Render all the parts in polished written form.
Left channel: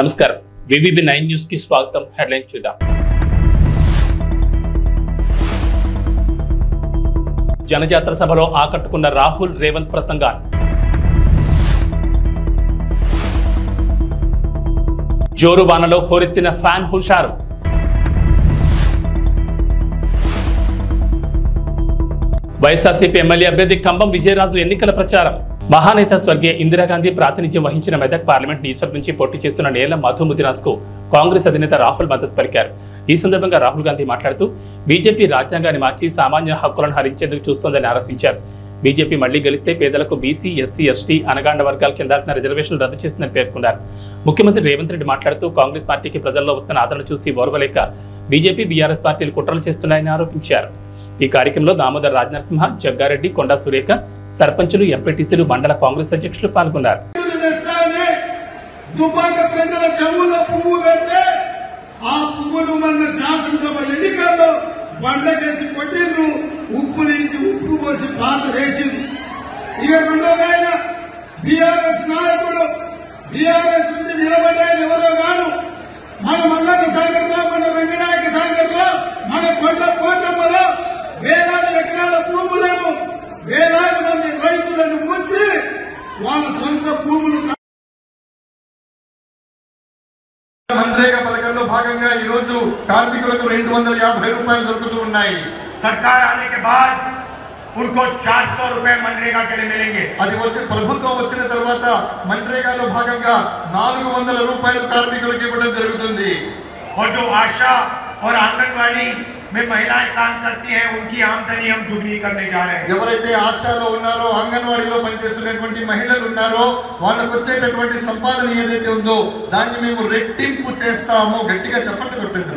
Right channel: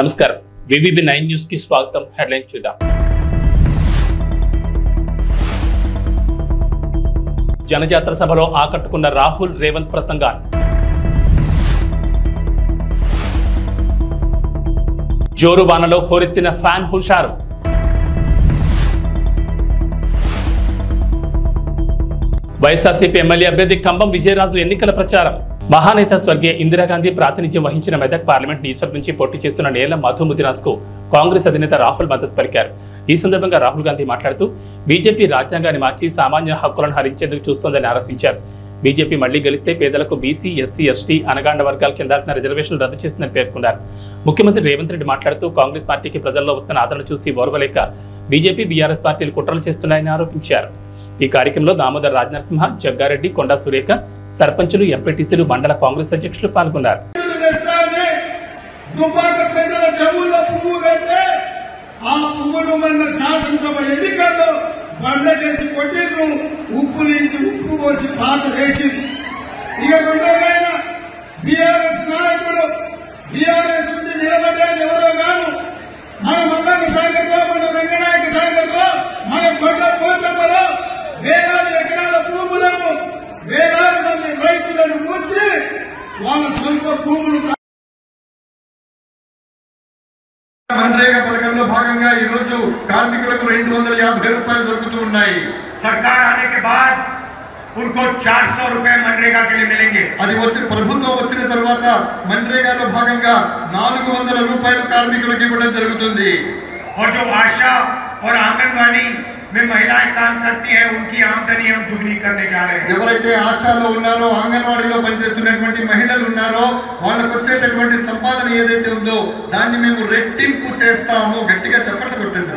నమస్కారం VVB9 news కి స్వాగతం. హెడ్లైన్ చూద్దాం. జనజాతర సభలో ఆకట్టుకున్న రాహుల్ రేవంత్ ప్రసంగాలు. జోరు వానలో హోరెత్తిన ఫ్యాన్ హుషారు. వైఎస్ఆర్సీపీ ఎమ్మెల్యే అభ్యర్థి కంబం విజయరాజు ఎన్నికల ప్రచారం. మహానేత స్వర్గీయ ఇందిరాగాంధీ ప్రాతినిధ్యం వహించిన మెదక్ పార్లమెంట్ నియోజకవర్గం నుంచి పోటీ చేస్తున్న నేల మధు ముదిరాజ్ కు కాంగ్రెస్ అధినేత రాహుల్ మద్దతు పలికారు. ఈ సందర్భంగా రాహుల్ గాంధీ మాట్లాడుతూ బీజేపీ రాజ్యాంగాన్ని మార్చి సామాన్య హక్కులను హరించేందుకు చూస్తోందని ఆరోపించారు. బీజేపీ మళ్లీ గెలిస్తే పేదలకు బీసీ, ఎస్సీ, ఎస్టీ, అనగాండ వర్గాల కింద రిజర్వేషన్లు రద్దు చేస్తుందని పేర్కొన్నారు. ముఖ్యమంత్రి రేవంత్ రెడ్డి మాట్లాడుతూ కాంగ్రెస్ పార్టీకి ప్రజల్లో వస్తున్న ఆదరణ చూసి ఓర్వలేక బీజేపీ, బీఆర్ఎస్ పార్టీలు కుట్రలు చేస్తున్నాయని ఆరోపించారు. ఈ కార్యక్రమంలో దామోదర్ రాజనరసింహ, జగ్గారెడ్డి, కొండా సురేఖ, సర్పంచులు, ఎంపీటీసీలు, మండల కాంగ్రెస్ అధ్యక్షులు పాల్గొన్నారు. వేలాది ఎకరాల భూములను వేలాది మంది రైతులను ముంచి వాళ్ళ సొంత భూములు मनरेगा పథకంలో భాగంగా ఈ రోజు కార్మికులకు 250 రూపాయలు దొరుకుతూ ఉన్నాయి. सरकार आने के बाद उनको 400 रुपए मनरेगा के लिए मिलेंगे. అది వచ్చి ప్రభుత్వం వచ్చిన తర్వాత मनरेगाలో భాగంగా 400 రూపాయలు కార్మికులకు ఇవ్వడం జరుగుతుంది. और जो आशा और आंगनबाड़ी में महिलाएं काम करती हैं उनकी आमदनी हम दुगनी करने जा रहे हैं. ఎవరైతే ఆశాలో ఉన్నారో, అంగన్వాడీలో పనిచేస్తున్నటువంటి మహిళలు ఉన్నారో వాళ్ళకు వచ్చేటటువంటి సంపాదన ఏదైతే ఉందో దాన్ని మేము రెట్టింపు చేస్తాము. గట్టిగా చప్పట్లు కొట్టండి.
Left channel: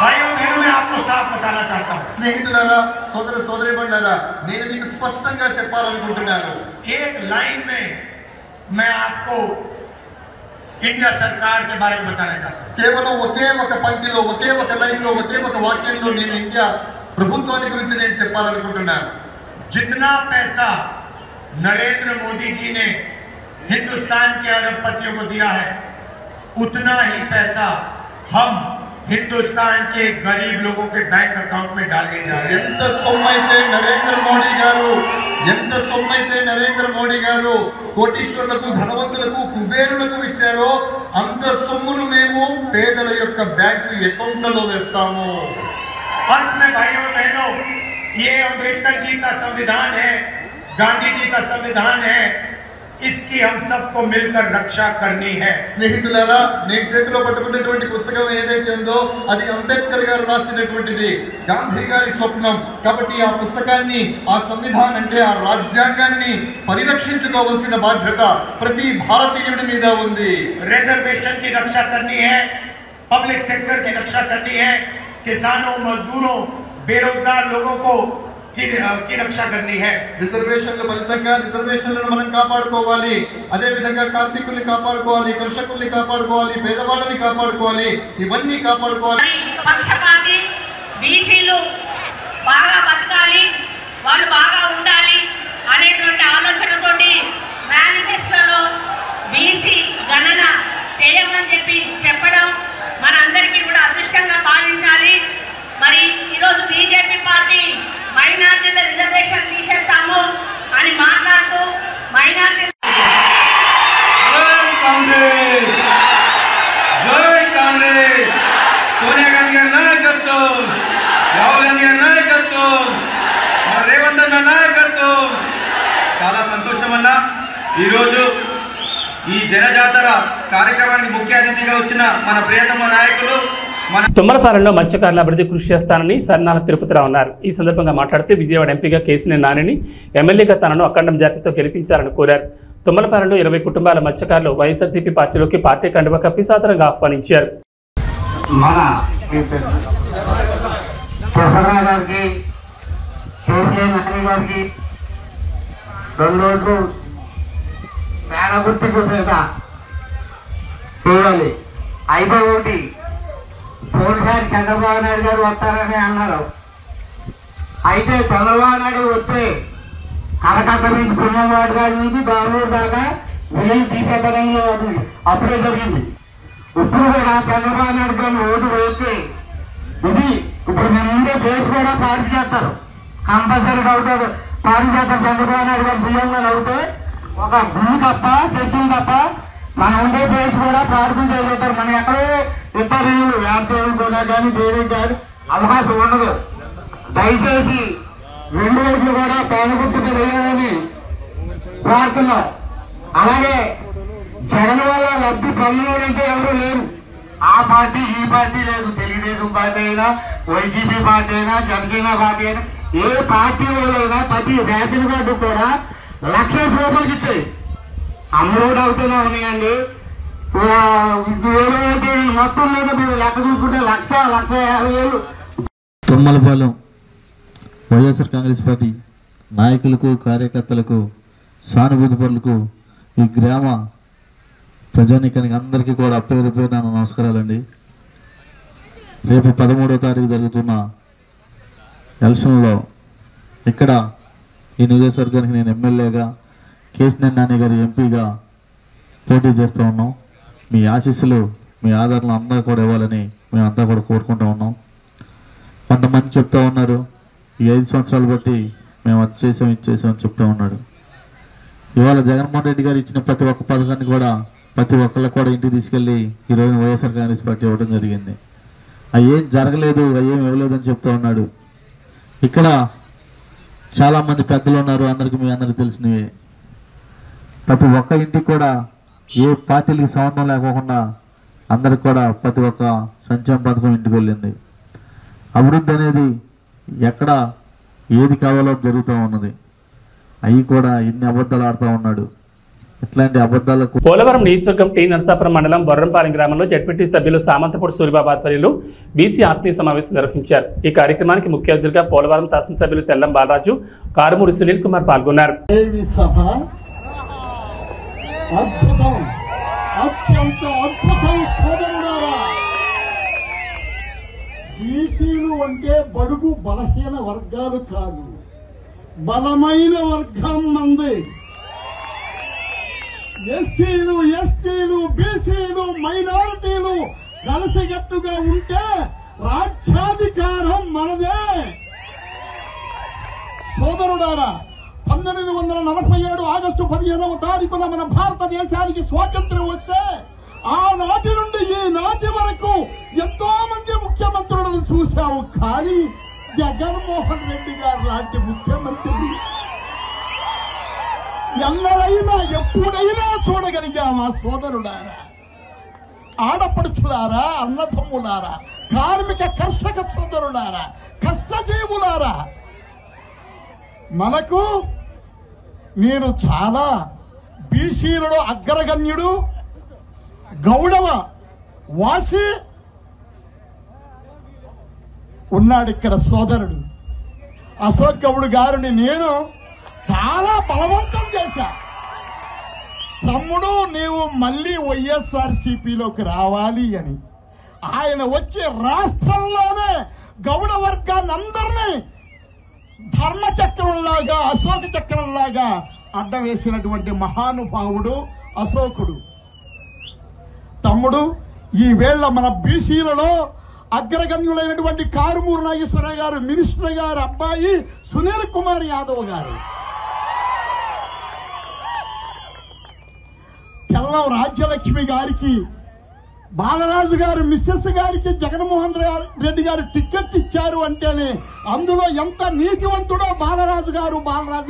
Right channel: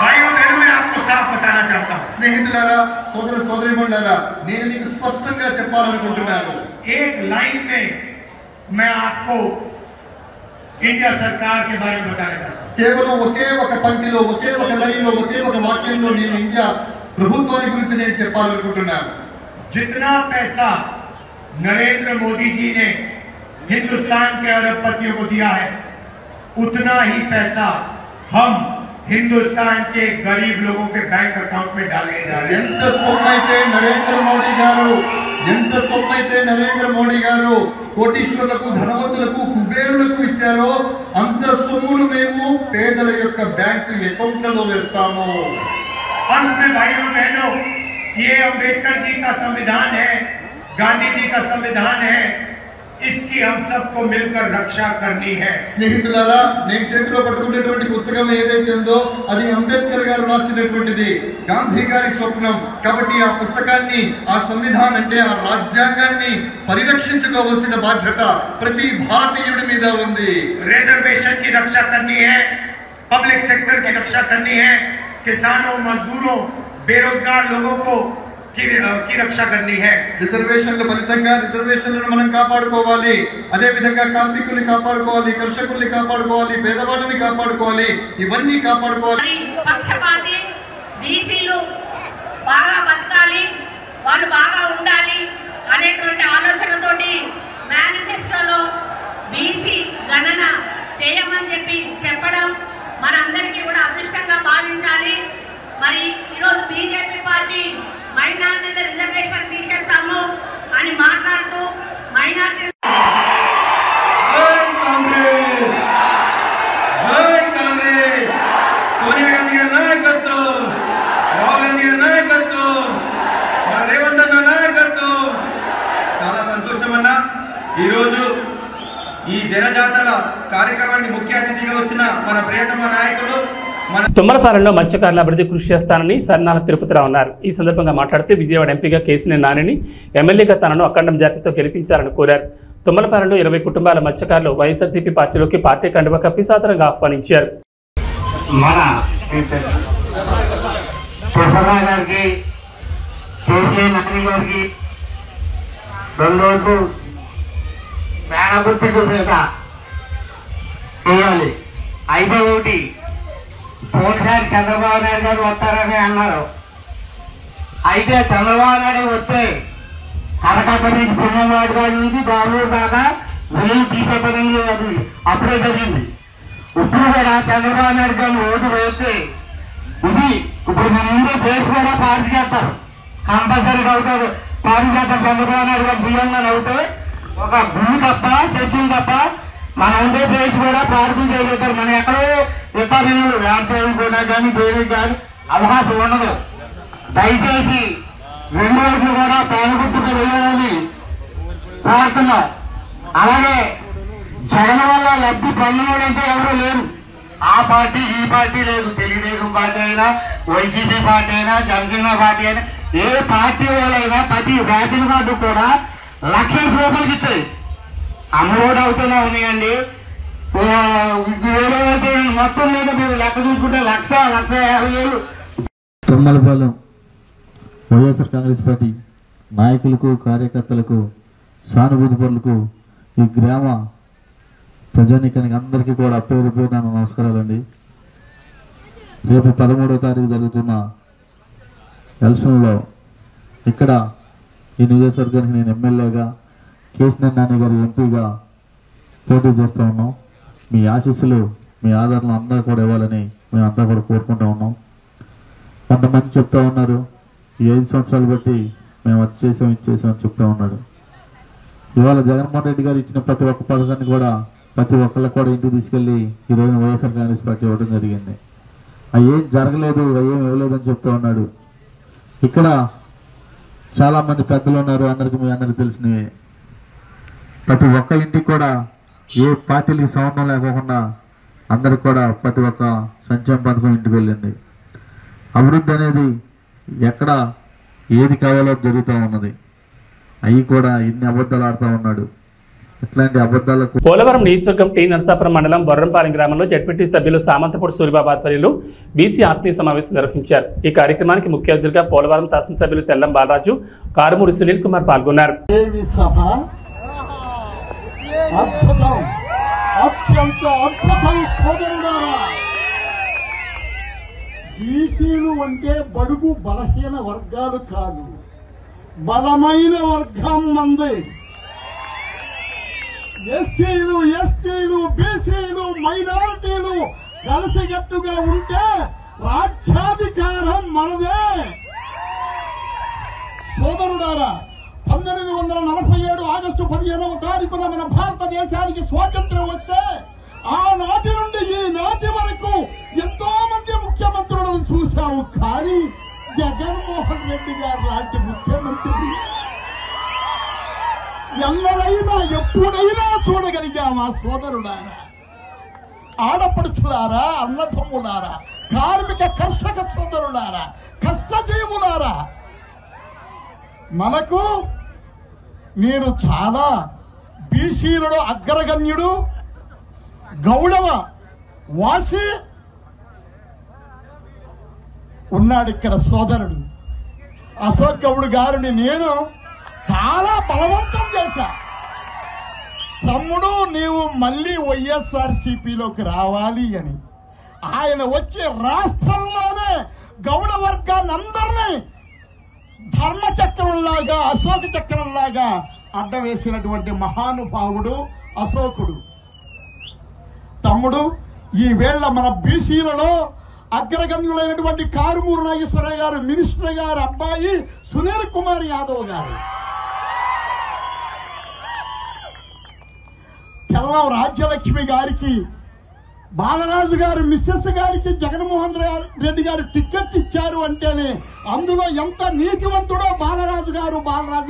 भाइयों बहनों मैं आपको साफ बताना चाहता हूँ. స్నేహితులారా, సోదర సోదరీమణులారా, నేను మీకు స్పష్టంగా చెప్పాలనుకుంటున్నాను. एक लाइन में मैं आपको इंडिया सरकार के बारे में बताना चाहता हूँ. కేవలం ఒకే ఒక పంక్తిలో, ఒకే ఒక లైన్లో, ఒకే ఒక వాక్యంలో నేను ఇండియా ప్రభుత్వాన్ని గురించి నేను చెప్పాలనుకుంటున్నాను. जितना पैसा नरेंद्र मोदी जी ने हिंदुस्तान के अरबपतियों को दिया है उतना ही पैसा हम हिंदुस्तान के गरीब लोगों के बैंक अकाउंट में डालने जा रहे हैं. ఎంత సొమ్మైతే నరేంద్ర మోడీ గారు కోటీశ్వరులకు, ధనవంతులకు, కుబేరులకు ఇచ్చారో అంత సొమ్మును మేము పేదల యొక్క బ్యాంకు అకౌంట్లలో వేస్తాము. अंत में भाइयों बहनों, ये अम्बेडकर जी का संविधान है, गांधी जी का संविधान है, इसकी हम सबको मिलकर रक्षा करनी है. స్నేహితులారా, నేను చేతిలో పట్టుకున్నటువంటి పుస్తకం ఏదైతే ఉందో అది అంబేద్కర్ గారు రాసినటువంటిది, గాంధీ గారి స్వప్నం. కాబట్టి ఆ పుస్తకాన్ని, ఆ సంవిధానం అంటే ఆ రాజ్యాంగాన్ని పరిరక్షించుకోవాల్సిన బాధ్యత ప్రతి భారతీయుడి మీద ఉంది. रिजर्वेशन की रक्षा करनी है, पब्लिक सेक्टर की रक्षा करनी है, किसानों, मजदूरों, बेरोजगार लोगों को की रक्षा करनी है. రిజర్వేషన్ల ఫలితంగా రిజర్వేషన్లను మనం కాపాడుకోవాలి. అదే విధంగా కార్మికుల్ని కాపాడుకోవాలి, కర్షకుల్ని కాపాడుకోవాలి, పేదవాళ్ళని కాపాడుకోవాలి. ఇవన్నీ కాపాడుకోవాలి. పక్షపాతి బీసీలు బాగా బతకాలి, వాళ్ళు బాగా ఉండాలి అనేటువంటి ఆలోచనతోటి మేనిఫెస్టోలో బీసీ గణన చేయమని చెప్పడం మనందరికీ కూడా అదృష్టంగా భావించాలి. మరి ఈరోజు బీజేపీ పార్టీ మైనార్టీల రిజర్వేషన్ తీసేస్తాము అని మాట్లాడుతూ మైనార్టీ సోనియా గాంధీ గారి నాయకత్వం, రాహుల్ గాంధీ గారి నాయకత్వం, మన రేవంత్ అన్న నాయకత్వం. చాలా సంతోషం అన్న. ఈరోజు ఈ జనజాతర కార్యక్రమానికి ముఖ్య అతిథిగా వచ్చిన మన ప్రియతమ నాయకులు తుమ్మలపాలెంలో మత్స్యకారుల అభివృద్ధి కృషి చేస్తానని సర్నాల తిరుపతిరావు అన్నారు. ఈ సందర్భంగా మాట్లాడుతూ విజయవాడ ఎంపీగా కేసీఆర్ నానిని, ఎమ్మెల్యేగా తనను అఖండం జాతితో గెలిపించాలని కోరారు. తుమ్మలపాలెంలో 20 కుటుంబాల మత్స్యకారులు వైఎస్ఆర్సీపీ పార్టీలోకి పార్టీ కండువా కప్పి సాదరంగా ఆహ్వానించారు. అయితే ఒకటి పోయినసారి చంద్రబాబు నాయుడు గారు వస్తారని అన్నారు. అయితే చంద్రబాబు నాయుడు వస్తే కలకత్తా నుంచి పుణ్యవాడ గారి నుంచి బాబు దాకా వెయ్యి తీసేతనంలో అది అప్పుడే జరిగింది. ఇప్పుడు కూడా చంద్రబాబు నాయుడు గారిని ఓటు వేస్తే ఇది ఇప్పుడు మన ముందే కేసు కూడా పార్టీ చేస్తారు, కంపల్సరీగా అవుతారు. పార్టీ చేస్తారు. చంద్రబాబు నాయుడు గారు సీఎంగా అవుతే ఒక గుడి తప్ప చర్చలు తప్ప మన ఆంధ్రప్రదేశ్ కూడా పార్టీ చేయగలుగుతారు. మనం ఎక్కడో ఇతర వ్యాపారం కూడా కానీ దేనికి కానీ అవకాశం ఉండదు. దయచేసి 2 ఓట్లు కూడా పాల్గొట్టుకు వెళ్ళాలని కోరుతున్నాం. అలాగే జగన్ వల్ల లబ్ధి పొందడంటే ఎవరు లేరు. ఆ పార్టీ ఈ పార్టీ లేదు. తెలుగుదేశం పార్టీ అయినా, వైసీపీ పార్టీ అయినా, జనసేన పార్టీ అయినా, ఏ పార్టీ వాళ్ళైనా ప్రతి రేషన్ కార్డు కూడా ₹1,00,000 ఇస్తాయి. అమ్మఒడి అవుతూనే ఉన్నాయండి. మొత్తం మీద మీరు లెక్క చూసుకుంటే 1,50,000 తుమ్మలపాలెం వైఎస్ఆర్ కాంగ్రెస్ పార్టీ నాయకులకు, కార్యకర్తలకు, సానుభూతి పరులకు, ఈ గ్రామ ప్రజానీకానికి అందరికీ కూడా పేరు పేరు నా నమస్కారాలండి. రేపు 13వ తారీఖు జరుగుతున్న ఎలక్షన్లో ఇక్కడ ఈ నియోజకవర్గానికి నేను ఎమ్మెల్యేగా, కేశినేని నాని గారి ఎంపీగా పోటీ చేస్తూ ఉన్నాం. మీ ఆశీస్సులు, మీ ఆదరణ అందరూ కూడా ఇవ్వాలని మేమంతా కూడా కోరుకుంటూ ఉన్నాం. కొంతమంది చెప్తా ఉన్నారు, ఈ 5 సంవత్సరాలు బట్టి మేము అది చేసాం, ఇది చేసాం అని చెప్తా ఉన్నాడు. ఇవాళ జగన్మోహన్ రెడ్డి గారు ఇచ్చిన ప్రతి ఒక్క పథకాన్ని కూడా ప్రతి ఒక్కళ్ళకి కూడా ఇంటికి తీసుకెళ్ళి ఈరోజు వైఎస్ఆర్ కాంగ్రెస్ పార్టీ ఇవ్వడం జరిగింది. అవి ఏం జరగలేదు, అవి ఏం ఇవ్వలేదు అని చెప్తా ఉన్నాడు. ఇక్కడ చాలామంది పెద్దలు ఉన్నారు, మీ అందరికీ తెలిసినవి. ప్రతి ఒక్క ఇంటికి కూడా ఏ పార్టీలకి సంబంధం లేకోకుండా అందరికి కూడా ప్రతి ఒక్క సంక్షేమ పథకం ఇంటికి వెళ్ళింది. అభివృద్ధి అనేది ఎక్కడ ఏది కావాలో జరుగుతూ ఉన్నది. అవి కూడా ఇన్ని అబద్ధాలు ఆడుతూ ఉన్నాడు. ఇట్లాంటి అబద్ధాలకు పోలవరం నియోజకవర్గం టీ నరసాపురం మండలం బొర్రంపాలెం గ్రామంలో జడ్పీటీ సభ్యులు సామంతపూడి సూరిబాబు ఆధ్వర్యంలో బీసీ ఆత్మీయ సమావేశం నిర్వహించారు. ఈ కార్యక్రమానికి ముఖ్య అతిథిగా పోలవరం శాసనసభ్యులు తెల్లం బాలరాజు, కారుమూరి సునీల్ కుమార్ పాల్గొన్నారు. బీసీలు అంటే బడుగు బలహీన వర్గాలు కాదు, బలమైన వర్గం మంది. ఎస్సీలు, ఎస్టీలు, బీసీలు, మైనారిటీలు కలిసికట్టుగా ఉంటే రాజ్యాధికారం మనదే. సోదరుడారా, 1947 ఆగస్టు 15వ తారీఖున మన భారతదేశానికి స్వాతంత్ర్యం వస్తే ఆనాటి నుండి ఈనాటి వరకు ఎంతో మంది ముఖ్యమంత్రులను చూశాము. కానీ జగన్మోహన్ రెడ్డి గారు లాంటి ముఖ్యమంత్రి ఎన్నడైనా ఎప్పుడైనా చూడగలిగామా? సోదరుడారా, ఆడపడుచులారా, అన్నదమ్ములారా, కార్మిక కర్షక సోదరులారా, కష్టజీవులారా, మనకు నేను చాలా బీసీలలో అగ్రగణ్యుడు, గౌడవ వాసి ఉన్నాడు ఇక్కడ సోదరుడు అశోక్ గౌడ్ గారిని నేను చాలా బలవంతం చేశా. తమ్ముడు, నీవు మళ్ళీ వైఎస్ఆర్సీపీలోకి రావాలి అని. ఆయన వచ్చి రాష్ట్రంలోనే గౌడ వర్గాన్ని అందరినీ ధర్మచక్రంలాగా, అశోక చక్రంలాగా అడ్డవేసినటువంటి మహానుభావుడు అశోకుడు. తమ్ముడు, ఈ వేళ మన బీసీలలో అగ్రగణ్యులైనటువంటి కారుమూరి నాగేశ్వరరావు గారు, మినిస్టర్ గారు అబ్బాయి సునీల్ కుమార్ యాదవ్ గారు, తెల్లం రాజ్యలక్ష్మి గారికి, బాలరాజు గారు మిస్సెస్ గారికి జగన్మోహన్ రెడ్డి గారు టికెట్ ఇచ్చారు అంటేనే అందులో ఎంత నీతివంతుడో బాలరాజు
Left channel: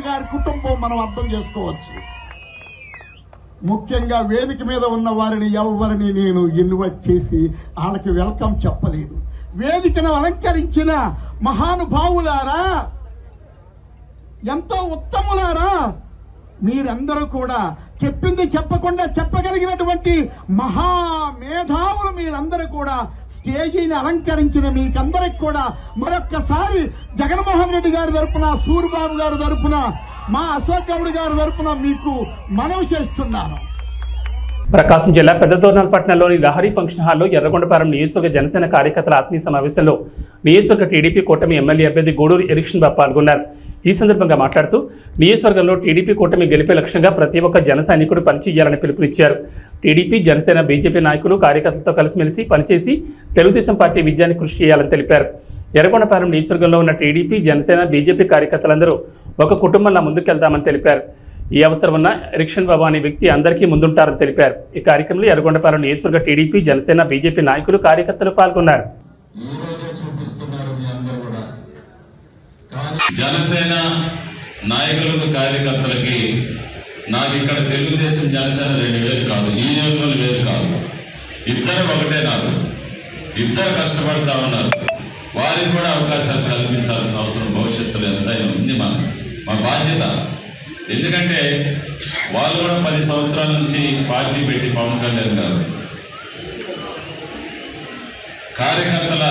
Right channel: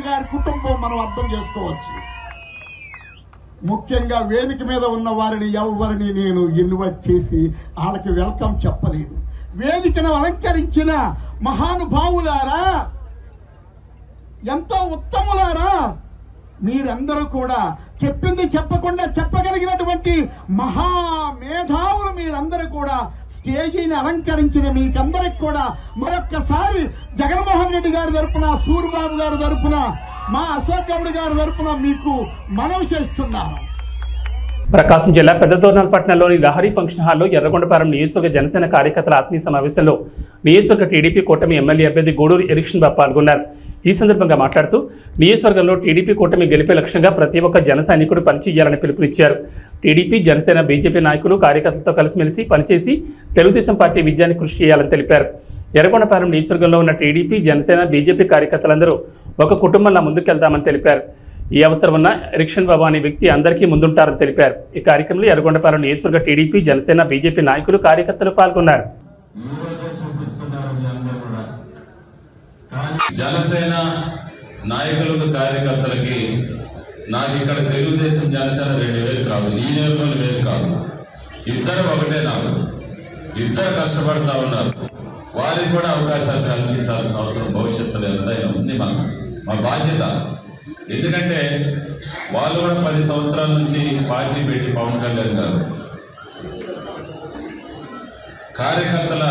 గారి కుటుంబం మనం అర్థం చేసుకోవచ్చు. ముఖ్యంగా వేదిక మీద ఉన్న వారిని ఎవరిని నేను ఇన్వైట్ చేసి వాళ్ళకి వెల్కమ్ చెప్పలేదు. వేదికను అలంకరించిన మహానుభావులారా, ఎంతో ఉత్తములారా, మీరందరూ కూడా చెప్పింది చెప్పకుండా చెప్పగలిగినటువంటి మహామేధావులు మీరందరూ కూడా స్టేజీని అలంకరించిన మీకందరికి కూడా మరొక్కసారి జగన్మోహన్ రెడ్డి గారి తరపున, సూరిబాబు గారి తరపున, మా అశోక్ గౌడ్ గారి తరపున మీకు మనవి చేస్తున్నాను. ప్రకాశం జిల్లా పెద్దదోర్నాల్ పట్టణంలోని లహరి ఫంక్షన్ హాల్లో ఎర్రగొండపాలెం నియోజకవర్గ జనసేన కార్యకర్తల ఆత్మీయ సమావేశంలో నియోజకవర్గ టీడీపీ కూటమి ఎమ్మెల్యే అభ్యర్థి గూడూరు ఎరిక్షన్ బాబు పాల్గొన్నారు. ఈ సందర్భంగా మాట్లాడుతూ నియోజకవర్గంలో టీడీపీ కూటమి గెలిపే లక్ష్యంగా ప్రతి ఒక్క జన సైనికుడు పనిచేయాలని పిలుపునిచ్చారు. టీడీపీ, జనసేన, బీజేపీ నాయకులు కార్యకర్తలతో కలిసిమెలిసి పనిచేసి తెలుగుదేశం పార్టీ విజయాన్ని కృషి చేయాలని తెలిపారు. ఎర్రగొండపాలెం నియోజకవర్గంలో ఉన్న టీడీపీ, జనసేన, బీజేపీ కార్యకర్తలందరూ ఒక కుటుంబంలా ముందుకెళ్తామని తెలిపారు. ఈ అవసరం ఉన్న ఎరిక్షన్ బాబు అనే వ్యక్తి అందరికీ ముందుంటారని తెలిపారు. ఈ కార్యక్రమంలో ఎర్రగొండపాలెం నియోజకవర్గ టీడీపీ, జనసేన, బీజేపీ నాయకులు, కార్యకర్తలు పాల్గొన్నారు. జనసేన నాయకులకు, కార్యకర్తలకి నాకు ఇక్కడ తెలుగుదేశం, జనసేన 2 వేలు కాదు, ఈ నియోజకవర్గం వేరు కాదు, ఇద్దరు ఒకటే. నాకు ఇద్దరు కష్టపడతా ఉన్నారు. వారికి కూడా అవకాశాలు కల్పించాల్సిన అవసరం భవిష్యత్తులో ఎంతైనా ఉంది. మా బాధ్యత. ఎందుకంటే వాళ్ళు కూడా 10 సంవత్సరాల నుంచి పార్టీ పెట్టి పవన్ కళ్యాణ్ గారు కార్యకర్తల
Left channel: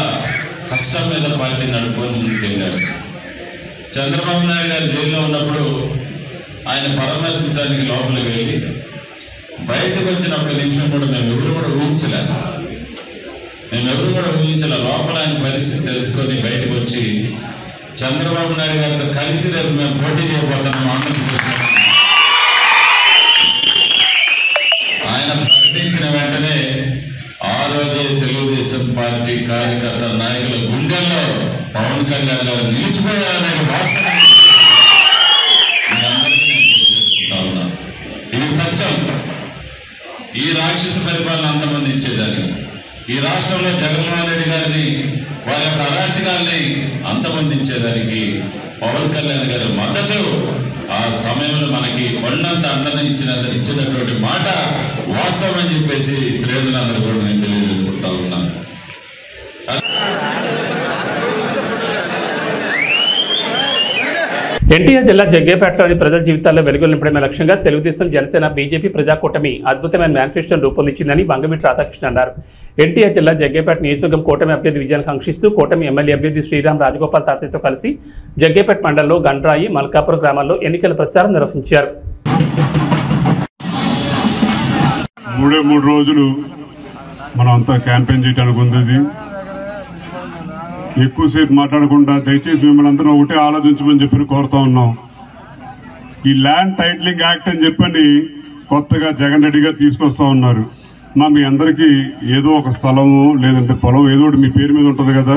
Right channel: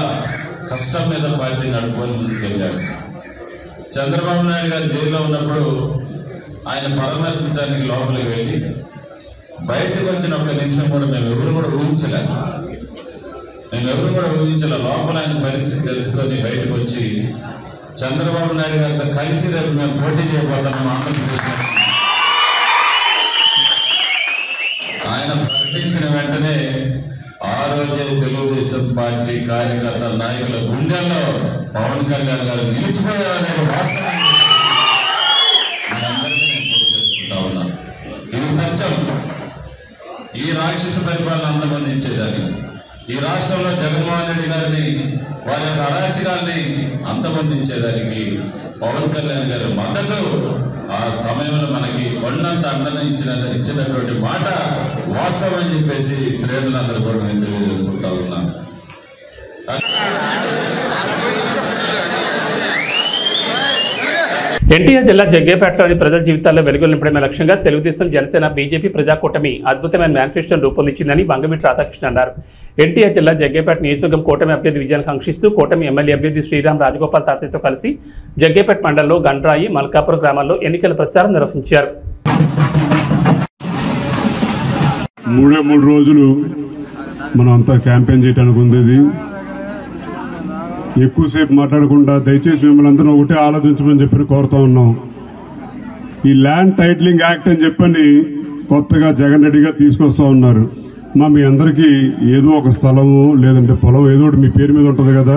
కష్టం మీద పార్టీ నడుపుకొని ముందుకెళ్ళాడు. చంద్రబాబు నాయుడు గారు జైల్లో ఉన్నప్పుడు ఆయన పరామర్శించడానికి లోపలికి వెళ్ళి బయటకు వచ్చిన 1 నిమిషం కూడా మేమెవరు కూడా ఊహించలే. లోపల ఆయన పరిస్థితి తెలుసుకొని బయటకు వచ్చి చంద్రబాబు నాయుడు గారితో కలిసి రేపు మేము పోటీ చేయబోతున్నాం ఆంధ్రప్రదేశ్. ఆయన ప్రకటించిన వెంటనే ఆ రోజే తెలుగుదేశం పార్టీ కార్యకర్త నాయకుల గుండెల్లో పవన్ కళ్యాణ్ గారు నిలిచిపోయారనే వాస్తవం అందరికీ నేను తెలియజేసుకుంటా ఉన్నాను. ఇది సత్యం. ఈ రాక్షస పరిపాలన అంతమందించేదాన్ని, ఈ రాష్ట్రంలో జగన్మోహన్ రెడ్డి గారిని, వారి యొక్క అరాచకాల్ని అంతమొందించేదానికి పవన్ కళ్యాణ్ గారి మద్దతు ఆ సమయంలో మనకి కొండంత అండన ఇచ్చినటువంటి మాట వాస్తవం అని చెప్పేసి శ్రేణులందరూ కూడా నేను తెలియజేసుకుంటా ఉన్నాను. ఎన్టీఆర్ జిల్లా జగ్గేపేటలోని ప్రజల జీవితాల్లో వెలుగులు నింపడమే లక్ష్యంగా తెలుగుదేశం, జనసేన, బీజేపీ ప్రజాకూటమి అద్భుతమైన మేనిఫెస్టోను రూపొందించిందని వంగవీటి రాధాకృష్ణ అన్నారు. ఎన్టీఆర్ జిల్లా జగ్గేపేట నియోజకవర్గం కూటమి అభ్యర్థి విజయాన్ని కాంక్షిస్తూ కూటమి ఎమ్మెల్యే అభ్యర్థి శ్రీరామ్ రాజగోపాల్ తాతయ్యతో కలిసి జగ్గేపేట మండలంలో గండ్రాయి, మల్కాపురం గ్రామాల్లో ఎన్నికల ప్రచారం నిర్వహించారు. 3 రోజులు మనం అంతా క్యాంపెయిన్ చేయడానికి ఉంది. ఎక్కువసేపు మాట్లాడకుండా దయచేసి మిమ్మల్ని అందరూ ఒకటే ఆలోచించమని చెప్పి కోరుతా ఉన్నాం. ఈ ల్యాండ్ టైటిలింగ్ యాక్ట్ అని చెప్పని కొత్తగా జగన్ రెడ్డి గారు తీసుకొస్తా ఉన్నారు. మీ అందరికీ ఏదో ఒక స్థలము లేదంటే పొలం ఏదో ఒకటి మీ పేరు మీద ఉంటుంది కదా,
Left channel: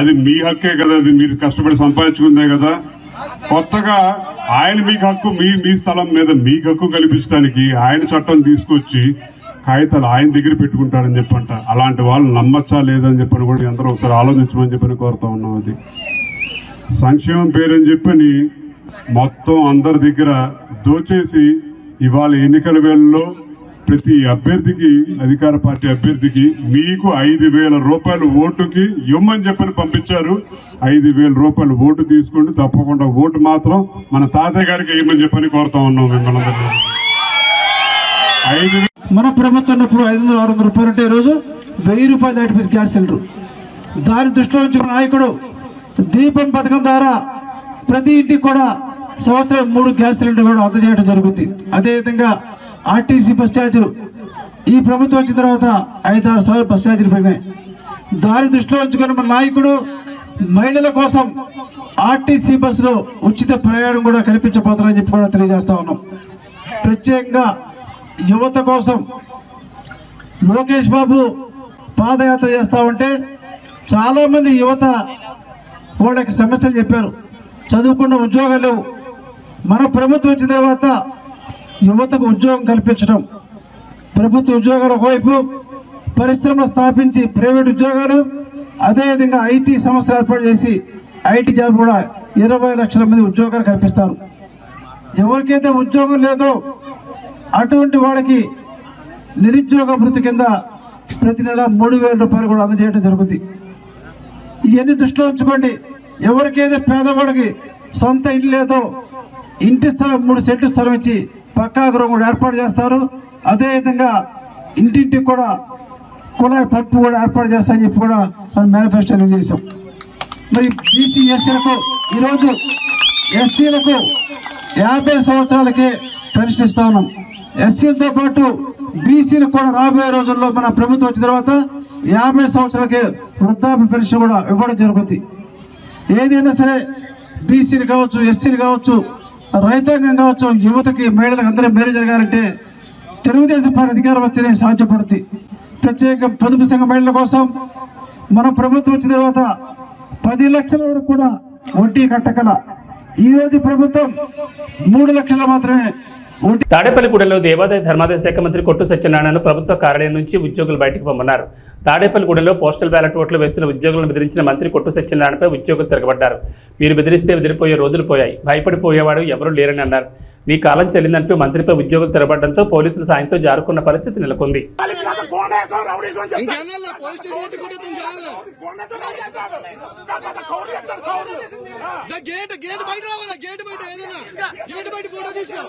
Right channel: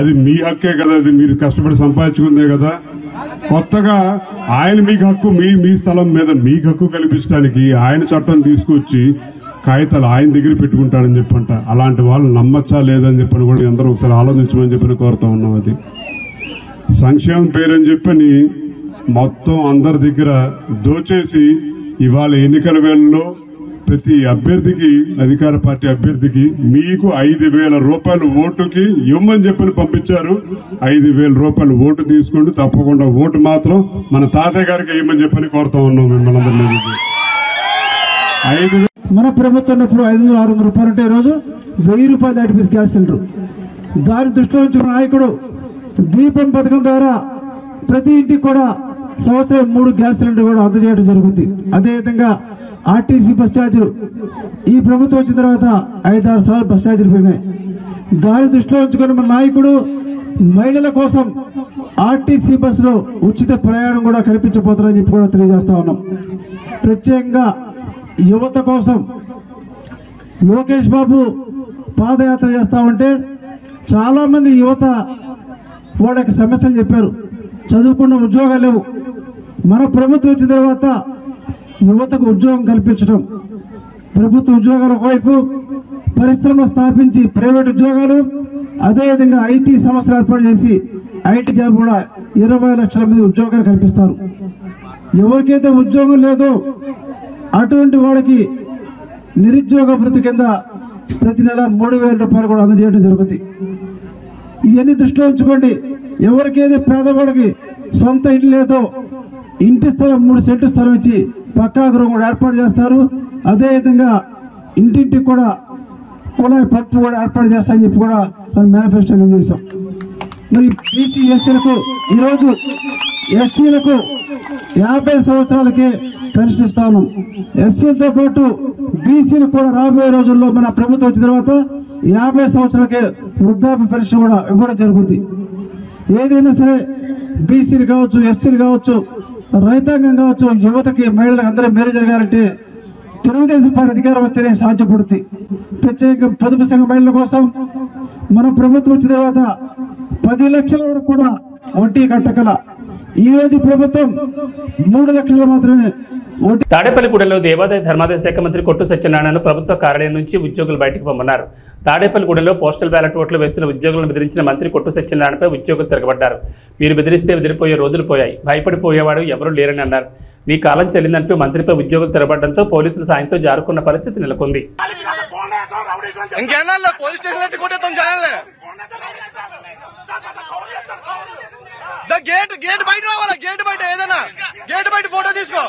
అది మీ హక్కే కదా, అది మీరు కష్టపడి సంపాదించుకుందే కదా. కొత్తగా ఆయన మీకు హక్కు, మీ స్థలం మీద మీకు హక్కు కల్పించడానికి ఆయన చట్టం తీసుకొచ్చి కాగితాలు ఆయన దగ్గర పెట్టుకుంటాడని చెప్పంట. అలాంటి వాళ్ళు నమ్మచ్చా లేదని చెప్పని కూడా అందరూ ఒకసారి ఆలోచించమని చెప్పని కోరుతా ఉన్నాం. అది సంక్షేమం పేరని చెప్పని మొత్తం అందరి దగ్గర దోచేసి ఇవాళ ఎన్నికల వేళల్లో ప్రతి అభ్యర్థికి, అధికార పార్టీ అభ్యర్థికి మీకు 5,000 రూపాయలు ఓటుకి ఇవ్వమని చెప్పని పంపించారు. 5,000 రూపాయలు ఓటు తీసుకుంటూ తప్పకుండా ఓటు మాత్రం మన తాతయ్య గారికి ఇవ్వమని చెప్పని కోరుతా ఉన్నాం మిమ్మల్ని అందరినీ. మన ప్రభుత్వం ఉన్నప్పుడు 500-600 రూపాయలు ఉంటే ఈరోజు 1000 రూపాయలు దాటిపోయి గ్యాస్ సిలిండర్. దాని దృష్టిలో ఉంచుకున్న నాయకుడు దీపం పథకం ద్వారా ప్రతి ఇంటికి కూడా సంవత్సరం 3 గ్యాస్ సిలిండర్ కూడా అందజేయడం జరుగుతుంది. అదేవిధంగా ఆర్టీసీ బస్ ఛార్జీలు ఈ ప్రభుత్వం వచ్చిన తర్వాత 5-6 సార్లు బస్ ఛార్జీలు పెరిగినాయి. దాని దృష్టిలో ఉంచుకున్న మన నాయకుడు మహిళల కోసం ఆర్టీసీ బస్సులో ఉచిత ప్రయాణం కూడా కల్పించబోతున్నారని చెప్పి కూడా తెలియజేస్తా ఉన్నాం. ప్రత్యేకంగా యువత కోసం లోకేష్ బాబు పాదయాత్ర చేస్తా ఉంటే చాలా మంది యువత వాళ్ళకి సమస్యలు చెప్పారు. చదువుకున్న ఉద్యోగాలు లేవు. మన ప్రభుత్వం వచ్చిన తర్వాత యువతకు ఉద్యోగం కల్పించడం, ప్రభుత్వ ఉద్యోగాలు ఒకవైపు, పరిశ్రమ స్థాపించి ప్రైవేట్ ఉద్యోగాలు, అదేవిధంగా ఐటీ సంస్థలు ఏర్పాటు చేసి ఐటీ జాబ్ కూడా 20 లక్షల మంది ఉద్యోగాలు కల్పిస్తారు. ఎవరికైతే ఉద్యోగం లేదో అటువంటి వాళ్ళకి నిరుద్యోగ భృతి కింద ప్రతి నెల 3,000 రూపాయలు కూడా అందజేయడం జరుగుతుంది. ఇవన్నీ దృష్టిలో ఉంచుకోండి. ఎవరికైతే పేదవాళ్ళకి సొంత ఇల్లు లేదో ఇంటి స్థలం 3 సెంట్లు స్థలం ఇచ్చి పక్కా గృహం కూడా ఏర్పాటు చేస్తారు. అదేవిధంగా ఇంటింటికి కూడా కుళాయి పప్పు కూడా ఏర్పాటు చేస్తామని చెప్పి కూడా మనం మేనిఫెస్టోలో చేసాం. మరి బీసీ ఎస్సీలకు ఈరోజు ఎస్సీలకు 50 సంవత్సరాలకే పెన్షన్ ఇస్తా ఉన్నాం. ఎస్సీలతో పాటు బీసీలకు కూడా రాబోయే రోజుల్లో మన ప్రభుత్వం వచ్చిన తర్వాత 50 సంవత్సరాలకే వృద్ధాప్య పెన్షన్ కూడా ఇవ్వడం జరుగుతుంది. ఏదైనా సరే బీసీలు కావచ్చు, ఎస్సీలు కావచ్చు, రైతాంగం కావచ్చు, యువతకి, మహిళలకు అందరూ మేలు జరగాలంటే తెలుగుదేశం పార్టీ అధికారం వస్తేనే సాధ్యపడుతుంది. ప్రత్యేక పొదుపు సంఘ మహిళల కోసం మన ప్రభుత్వం వచ్చిన తర్వాత 10 లక్షల వరకు కూడా వడ్డీ కట్టగల ఈ రోజు ప్రభుత్వం 3 లక్షలు మాత్రమే. తాడేపల్లిగూడెంలో దేవాదాయ ధర్మాదాయ శాఖ మంత్రి కొట్టు సత్యనారాయణను ప్రభుత్వ కార్యాలయం నుంచి ఉద్యోగులు బయటకు పొమ్మన్నారు. తాడేపల్లిగూడెంలో పోస్టల్ బ్యాలెట్ ఓట్లు వేస్తున్న ఉద్యోగులను బెదిరించిన మంత్రి కొట్టు సత్యనారాయణపై ఉద్యోగులు తిరగబడ్డారు. మీరు బెదిరిస్తే బెదిరిపోయే రోజులు పోయాయి, భయపడిపోయేవాడు ఎవరూ లేరని అన్నారు. మీ కాలం చెల్లిందంటూ మంత్రిపై ఉద్యోగులు తిరగబడడంతో పోలీసుల సాయంతో జారుకున్న పరిస్థితి నెలకొంది. గేట్ బయట రావాలా, గేట్ బయట ఏదైనా గేట్ బయట ఫోటో తీసుకో,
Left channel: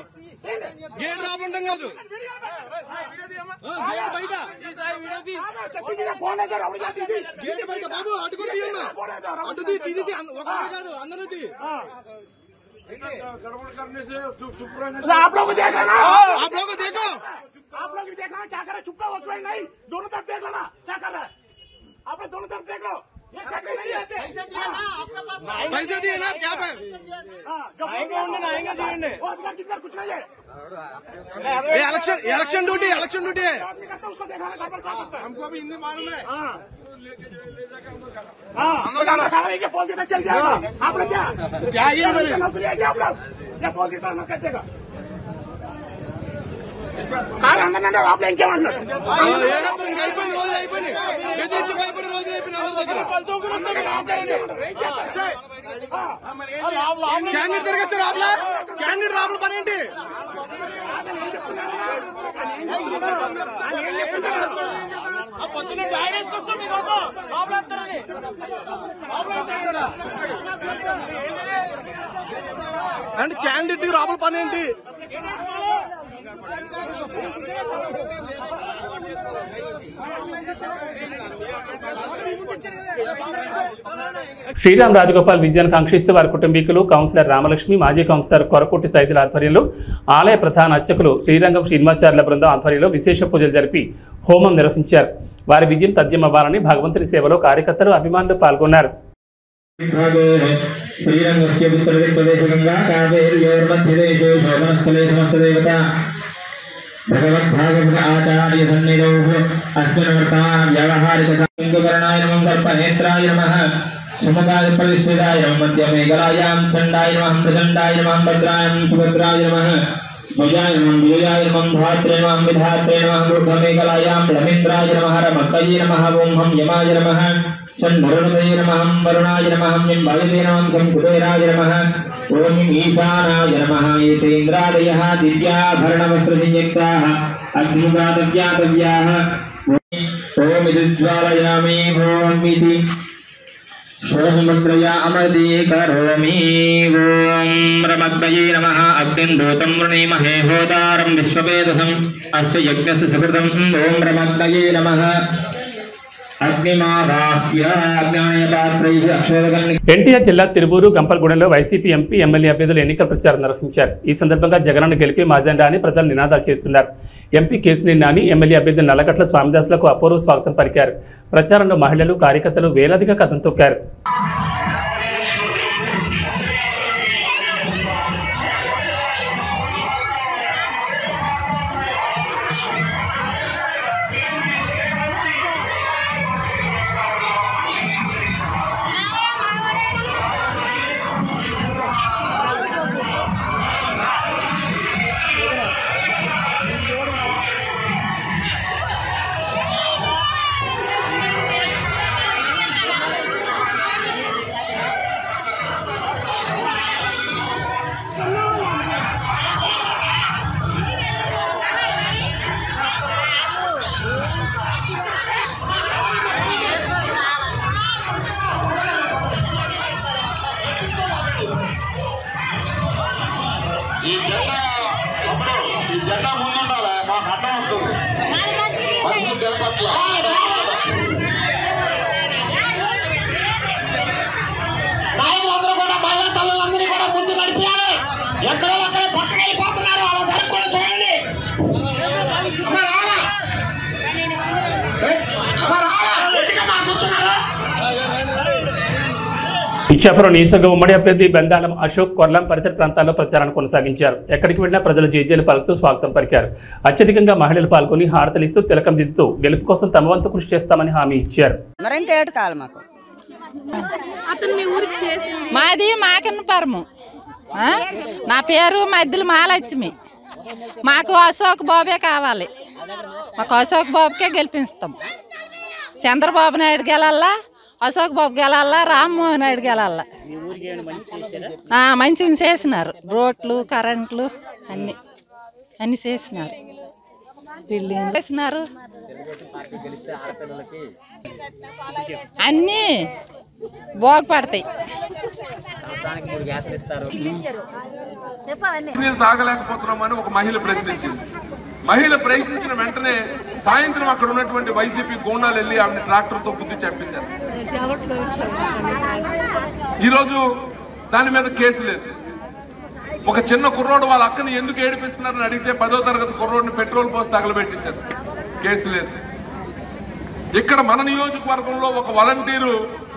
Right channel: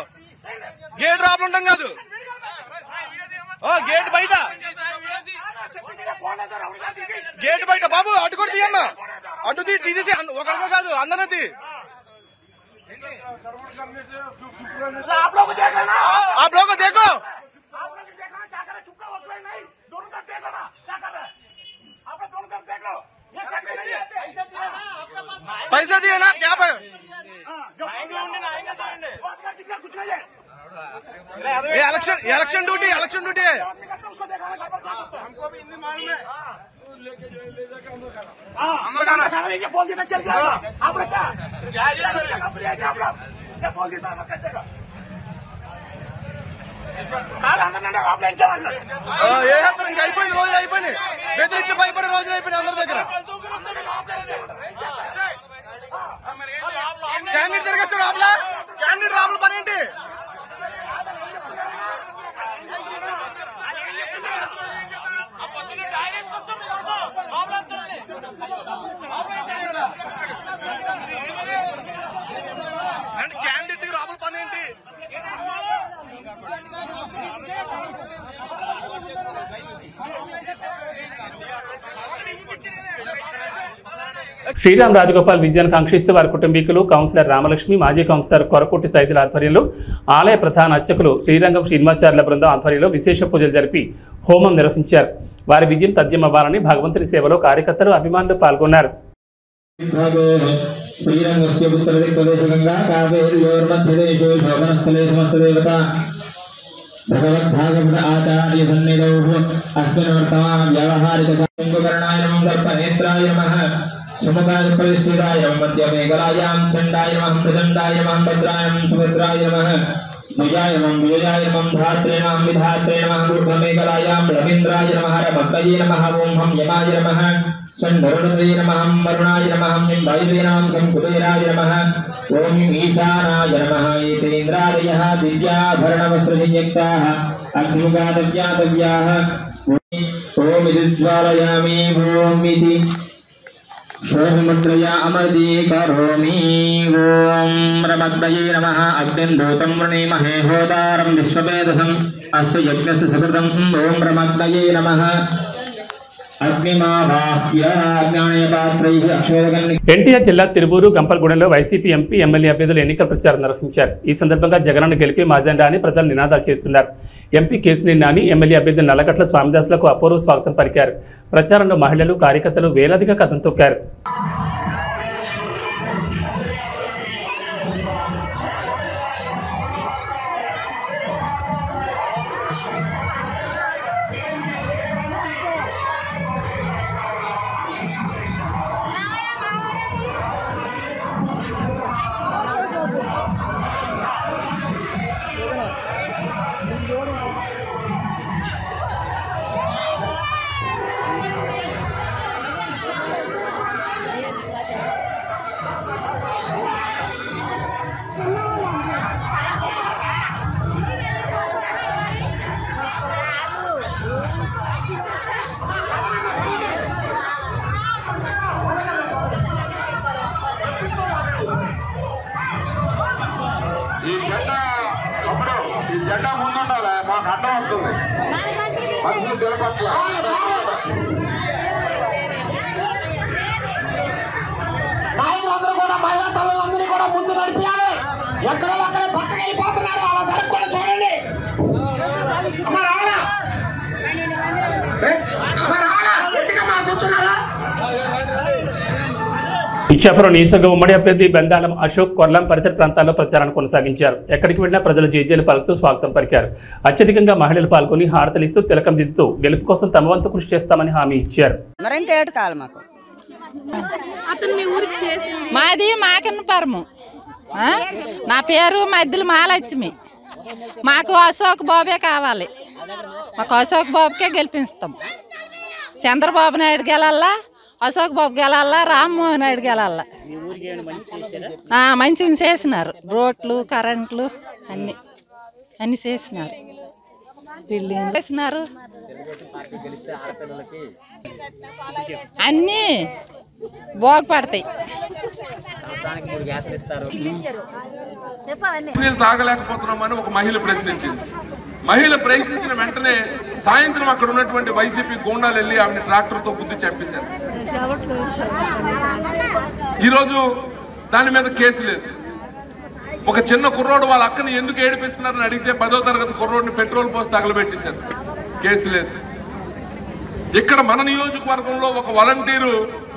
గేట్ రాబడి ఉంటాం కాదు, గేట్ బయట గేట్ బయట బాబు అటు కూడా తీయమ్మా, అటు తీసేసి ఒకరితో కాదు అందరిది. आप लोग देखो, पैसा दिए ना क्या पे इलेक्शन ड्यूटी है, हमको भी हिंदी मालूम है। आप लोग क्या ఏ హత్ర ఇంకా అయిపోయింది, రోజులు అయిపోయినాయి, బెదిరించి భయపడే రోజులు అయిపోయినాయి అందరి దగ్గర. క్యాండిడేట్ తిరగచ్చారు ఆపలా, క్యాండిడేట్ రాపల పని ఏంటి? అంటే క్యాండిడేట్ రాపల పని ఏంటి? శ్రీరామ్ రాజగోపాల్ విజయాన్ని కాంక్షిస్తూ వారి కుటుంబీకులు, కౌన్సిలర్ రామలక్ష్మి, మాజీ కౌన్సిలర్ కొరకోటి సైదుల ఆధ్వర్యంలో ఆలయ ప్రధాన అర్చకులు శ్రీరంగం శ్రీనివాచార్యుల బృందం ఆధ్వర్యంలో విశేష పూజలు జరిపి హోమం నిర్వహించారు. వారి విజయం తథ్యమవ్వాలని భగవంతుని సేవలో కార్యకర్తలు, అభిమానులు పాల్గొన్నారు. श्रीरंगस्य उत्तरदिक्प्रदेशे गंगा कावेर्योर्मध्यदेशे शोभनस्थले समस्तदेवता भगवद्भागवत आचार्य सन्निधौ अस्मिन् वर्तमान व्यावहारिककर्णाय नमः, सर्पनेत्राय नमः, सुमुखाय प्रविष्टिताय नमः, मध्यमेकलायां चण्डाय नमः, प्रचण्डाय नमः, भद्राय नमः, सुभद्राय नमः, भुजाय नमः, विजयाय नमः, धात्रे नमः, विधात्रे नमः, मूर्धमेकलायां रवीन्द्राय नमः, रमक्तये नमः, ओं हम यमाय नमः, शन्वरुणये नमः, वरुणाय नमः, वायुवे नमः, शङ्कुटेराय नमः, ओं ईशानाय नमः। एतेन्द्रादयः दिव्याभरणवस्त्रसंयुक्ताः अग्निमुखादव्यातव्याः ओं विद्ज्वालयामि ओं इति शोभमुद्रया अमृते करोमि। ओं रमद्वये नमः। अग्निन्दूतं वृणीमहे होतारं विश्ववेदसम् अस्य यज्ञस्य सुकृतं। ओं रमद्वये नमः। ఎన్టీఆర్ జిల్లా తిరువూరు, గంపలగూడెంలో వైసీపీ ఎంపీ, ఎమ్మెల్యే అభ్యర్థులు ఎన్నికల ప్రచారం నిర్వహించారు. ఈ సందర్భంగా జగనన్న గెలిపి మాజెండా అని ప్రజలు నినాదాలు చేస్తున్నారు. ఎంపీ కేశినేని నాని, ఎమ్మెల్యే అభ్యర్థి నల్లగట్ల స్వామిదాసులకు అపూర్వ స్వాగతం పలికారు. ప్రచారంలో మహిళలు, కార్యకర్తలు వేలాదిగా కథం తొక్కారు. నాయకులందరూ కూడా మహిళా తల్లులందరినీ కూడా ముందు నడిపించాలి. ఎక్కడో అక్కడ పక్కన వెళ్ళిపోతున్నారు, అలా కూడా చూడండి. ఇచ్చాపురం నియోజకవర్గ ఉమ్మడి అభ్యర్థి బెందాలం అశోక్ కొర్లం పరిసర ప్రాంతాల్లో ప్రచారాన్ని కొనసాగించారు. ఎక్కడికి వెళ్లినా ప్రజలు జేజేలు పలుకుతూ స్వాగతం పలికారు. అత్యధికంగా మహిళలు పాల్గొని హారతలిస్తూ తిలకం దిద్దుతూ గెలుపు కోసం తమ వంతు కృషి చేస్తామని హామీ ఇచ్చారు. మాది మాకన్నపురము. నా పేరు మధ్యలో మహాలక్ష్మి. మాకు అశోక్ బాబే కావాలి. మాకు అశోక్ బాబుకే గెలిపిస్తాం. చంద్రబాబు నాయుడు గెలల్లా, అశోక్ బాబు గెలల్లా, రామ్మోహన్ నాయుడు గెలల్లా. మంచిగా చేసినారు. రోడ్లు, కరెంట్లు అన్ని చేసినారు. బిల్డింగ్ చేసినారు. అన్నీ బాగుపడతాయి. తాగలేకపోతున్నామని ఒక మహిళ ప్రశ్నించింది. మహిళ ప్రశ్నించిన వెంటనే సాయంత్రం అక్కడ ఉన్నటువంటి వైసీపీ గూండాలు వెళ్ళి ఆమెను ట్రాక్టర్తో గుద్ది చంపేశారు. ఈరోజు దాని మీద కేసు లేదు. ఒక చిన్న కుర్రోడు వాళ్ళ అక్కని ఎందుకు ఏడిపిస్తున్నారని అడిగితే 10వ తరగతి కుర్రోడిని పెట్రోల్ పోసి తగలబెట్టేశారు. కేసు లేదు. ఇక్కడ మన నియోజకవర్గంలో ఒక వాలంటీరు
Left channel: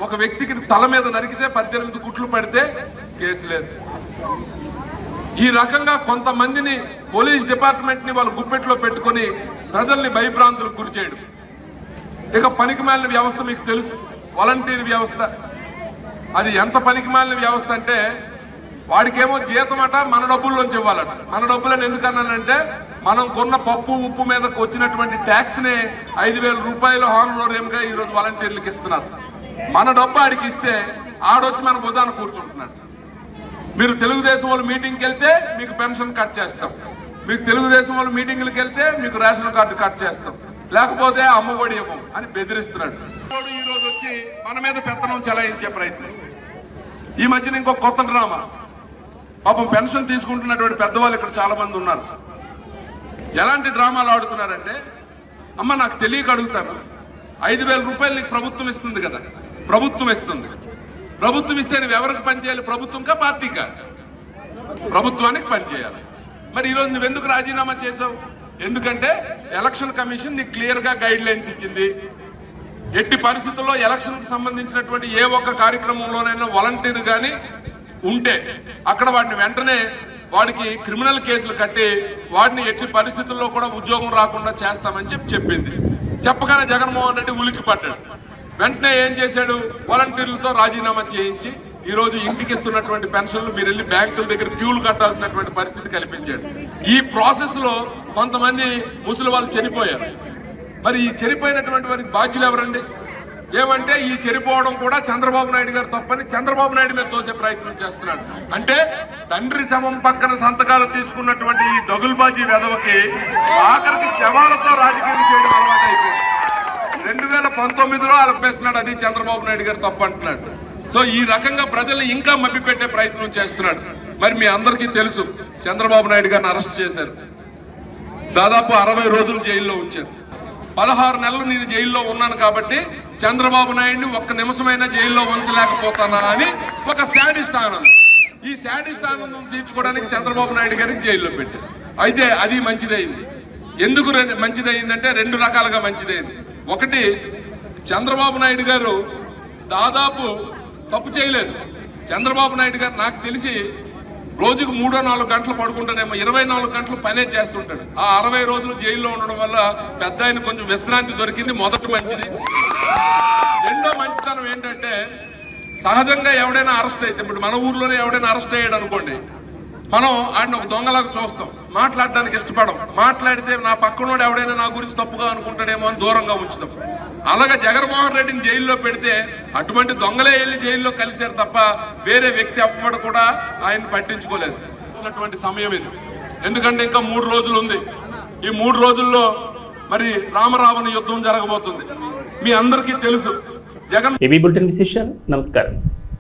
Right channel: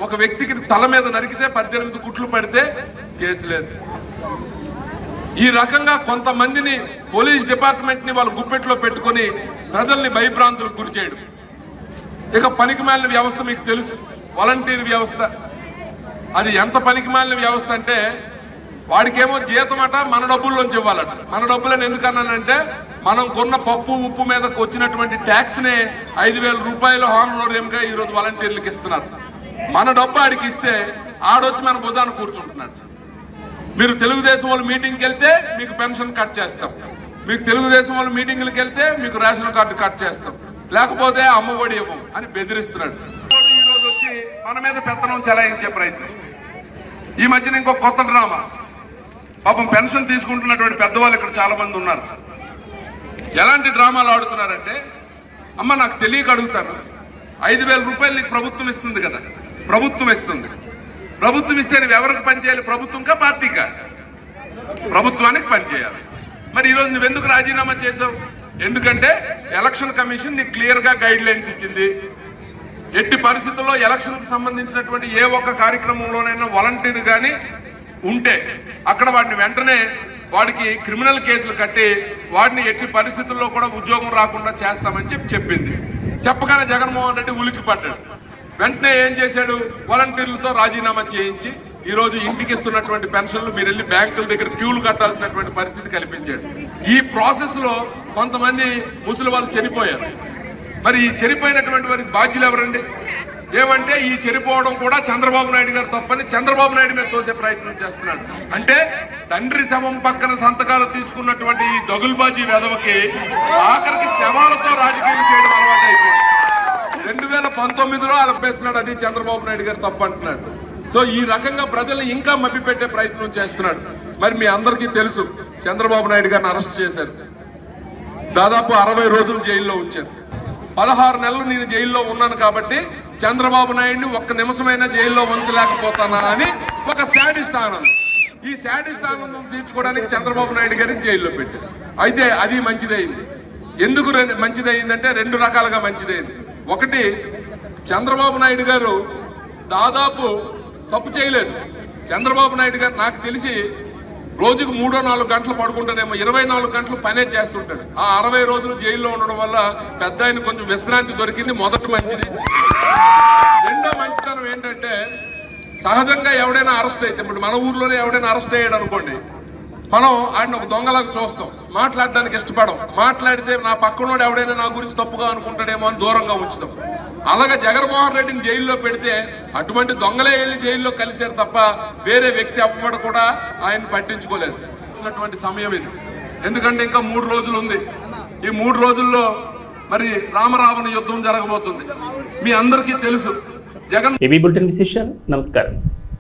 ఒక వ్యక్తికి తల మీద నరికితే 18 కుట్లు పడితే కేసు లేదు. ఈ రకంగా కొంతమందిని పోలీస్ డిపార్ట్మెంట్ ని వాళ్ళు గుప్పెట్లో పెట్టుకుని ప్రజల్ని భయభ్రాంతులకు గురి చేయడం. ఇక పనికిమాలిన వ్యవస్థ మీకు తెలుసు, వాలంటీర్ వ్యవస్థ. అది ఎంత పనికిమాలిన వ్యవస్థ అంటే వాడికేమో జీతం అట మన డబ్బుల్లోంచి ఇవ్వాలట. మన డబ్బులని ఎందుకన్నానంటే మనం కొన్న పప్పు ఉప్పు మీదకి వచ్చినటువంటి ట్యాక్స్ నే 5,000 రూపాయలు హానరోరియంగా ఈ రోజు వాలంటీర్లకు ఇస్తున్నారు. మన డబ్బు ఆడికి ఇస్తే ఆడొచ్చి మన భుజాన కూర్చుంటున్నాడు. మీరు తెలుగుదేశం వాళ్ళు మీటింగ్కి వెళ్తే మీకు పెన్షన్ కట్ చేస్తాం, మీకు తెలుగుదేశం వాళ్ళు మీటింగ్లకు వెళ్తే మీకు రేషన్ కార్డు కట్ చేస్తాం, లేకపోతే అమ్మఒడి ఇవ్వం అని బెదిరిస్తున్నాడు. ఈ రోజు వచ్చి మన మీద పెత్తనం చెలాయించే ప్రయత్నం. ఈ మధ్యన ఇంకో కొత్త డ్రామా. పాపం పెన్షన్ తీసుకుంటున్నటువంటి పెద్దవాళ్ళు ఇక్కడ చాలా మంది ఉన్నారు. ఎలాంటి డ్రామాలు ఆడుతున్నారంటే, అమ్మ నాకు తెలియక అడుగుతాను, 5,000 రూపాయలు నీకు ప్రభుత్వం ఇస్తుంది కదా, ప్రభుత్వం ఇస్తుంది. ప్రభుత్వం ఇస్తే నువ్వు ఎవరికి పనిచేయాలి? ప్రభుత్వంకా పార్టీకా? ప్రభుత్వానికి పనిచేయాలి. మరి ఈరోజు నువ్వెందుకు రాజీనామా చేశావు? ఎందుకంటే ఎలక్షన్ కమిషన్ నీకు క్లియర్ గా గైడ్ లైన్స్ ఇచ్చింది. ఎట్టి పరిస్థితుల్లో ఎలక్షన్ కి సంబంధించినటువంటి ఏ ఒక్క కార్యక్రమంలోనైనా వాలంటీర్ గాని ఉంటే అక్కడ వాడిని వెంటనే వాడికి క్రిమినల్ కేసులు కట్టి వాడిని ఎట్టి పరిస్థితుల్లో కూడా ఉద్యోగం రాకుండా చేస్తామని చెప్పింది. చెప్పగానే జగన్మోహన్ రెడ్డి ఉలికి పడ్డాడు. వెంటనే ఏం చేశాడు? వాలంటీర్లతో రాజీనామా చేయించి ఈ రోజు ఇంటికి ఇస్తున్నటువంటి పెన్షన్లు మీరు వెళ్ళి బ్యాంకుల దగ్గర క్యూలు కట్టాల్సినటువంటి పరిస్థితి కల్పించాడు. ఈ ప్రాసెస్ లో కొంతమంది ముసలి వాళ్ళు చనిపోయారు. మరి ఈ చనిపోయినటువంటి వారికి బాధ్యులు ఎవరండి? ఏమంటే ఈ చనిపోవడం కూడా చంద్రబాబు నాయుడు గారు తప్పని చంద్రబాబు నాయుడు మీద తోసే ప్రయత్నం చేస్తున్నాడు. అంటే తండ్రి శవం పక్కన సంతకాలు తీసుకున్నటువంటి ఈ దగుల్బాజీ వెధవకి ఆఖరికి శవాలతో రాజకీయం చేయడం అలవాటు అయిపోయింది. 2019లో అలపేస్తున్నాడు, అది చంద్రబాబు నాయుడు గారు తప్పు అంటున్నాడు. సో ఈ రకంగా ప్రజల్ని ఇంకా మభ్యపెట్టే ప్రయత్నం చేస్తున్నాడు. మరి మీ అందరికీ తెలుసు, చంద్రబాబు నాయుడు గారిని అరెస్ట్ చేశారు. దాదాపు 60 రోజులు జైల్లో ఉంచారు. 16 నెలలు నేను జైల్లో ఉన్నాను కాబట్టి చంద్రబాబు నాయుడిని ఒక్క నిమిషమైనా జైల్లో ఉంచలేకపోతానా అని ఒక శాడిస్ట్ ఆనందం. ఈ శాడిస్ట్ ఆనందం తీర్చుకోవడానికి చంద్రబాబు నాయుడు గారికి జైల్లో పెట్టారు. అయితే అది మంచిదైంది. ఎందుకు మంచిదైందంటే 2 రకాలుగా మంచిదైంది. ఒకటి, చంద్రబాబు నాయుడు గారు దాదాపు తప్పు చేయలేదు. చంద్రబాబు నాయుడు గారు నాకు తెలిసి రోజుకు 3-4 గంటలు పడుకుంటానేమో, 24 గంటలు పనే చేస్తుంటాడు. ఆ 60 రోజులు జైల్లో ఉండడం వల్ల పెద్ద ఆయన కొంచెం విశ్రాంతి దొరికింది. మొదటి మంచిది. రెండో మంచితనం ఏంటంటే, సహజంగా ఎవడైనా అరెస్ట్ అయితే, ఇప్పుడు మన ఊర్లోనే ఎవడైనా అరెస్ట్ అయ్యాడు అనుకోండి, మనం ఆయన ఒక దొంగలాగా చూస్తాం, మాట్లాడడానికి ఇష్టపడం. మాట్లాడితే నా పక్కనోడు ఎవడైనా నా గురించి తప్పుగా అనుకుంటాడేమో అని దూరంగా ఉంచుతాం. అలాగే జగన్మోహన్ రెడ్డిని జైల్లో పెడితే అటువంటి దొంగలే వెళ్ళి జైల్లో కలిశారు తప్ప వేరే వ్యక్తి ఎవ్వడు కూడా ఆయన పట్టించుకోలేదు. సమయం ఇది. ఎందుకంటే ఇంకా 3 రోజులు ఉంది. ఈ 3 రోజుల్లో మరి రామరావణ యుద్ధం జరగబోతుంది. మీ అందరికీ తెలుసు. జగన్ ఏబీ బులెటిన్ విశేషాలు. నమస్కారం.